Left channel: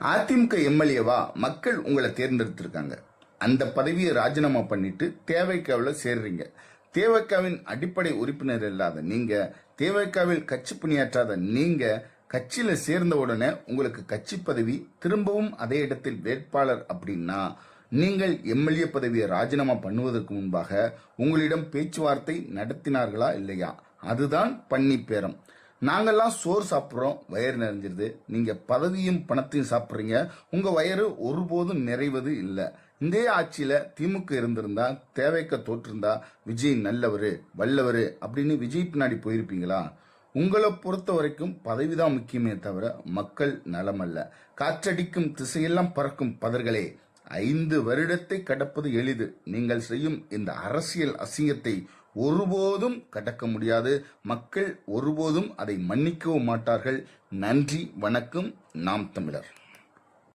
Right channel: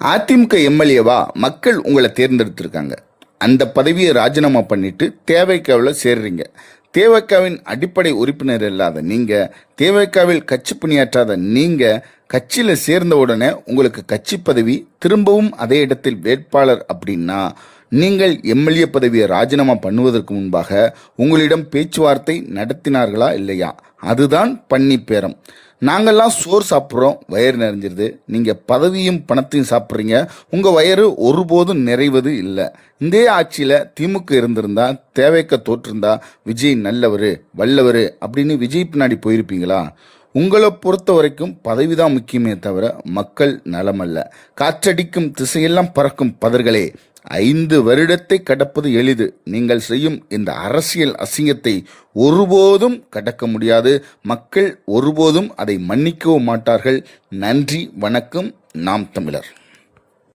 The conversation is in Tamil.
அதிமுக எம்எல்ஏவா மக்கள் உங்களை தேர்ந்தெடுத்திருக்காங்க. அந்த பதவியை ராஜினாமா பண்ணிட்டு தேவைக்காவில் சேர்றீங்க. தேவைக்காவின் அடிப்படை உறுப்பினர் இல்லாத நீங்க, தேவைக்காவில் கட்சி பணியாற்றாத நீங்க கட்சியில் சேர்ந்த உடனே உங்களுக்கு கட்சி பதவி திரும்பவும் அதே இடத்தில் வேட்பாளர் அப்படின்னா நீங்கள் எம்எல்ஏ பதவியை ராஜினாமா பண்ணுவதற்கு முன்பாக உங்களிடம் பேச்சுவார்த்தை நடத்தினார்களா இல்லையா? அதுதான் பன்னி பேரம். நாங்கள்லாம் சோறு சாப்பிட்றோம், வயிறு நிறைஞ்சிருது. நீங்கள் பதவியும் பணத்தையும் சாப்பிட்றீங்க, உங்கள் வயிறு ஒருபோதும் நிறைவது இல்லை. இந்த ஆட்சியில் திமுக இருந்திருந்தா, தேவைக்க தோற்றிருந்தா விஜய் நல்லவர் வல்லவர் அப்படின்னு விஜய் பின்னாடி போயிருப்பீங்களா? உங்களை பொறுத்த வரைக்கும் பதவி தான் முக்கியமே தவிர மக்கள் நலமல்ல. காற்றடிக்கும் திசையெல்லாம் பறக்கும் பதர்களே, 5 வருடத்தை கடப்பது எளிது. நீங்கள் செய்யும் இந்த அரசியல் அசிங்கத்தை ஒருபோதும் கடக்க முடியாது. மக்கள் ஒருபோதும் அதை மன்னிக்கவும் மாட்டார்கள். நன்றி, வணக்கம். நாம் தமிழர்.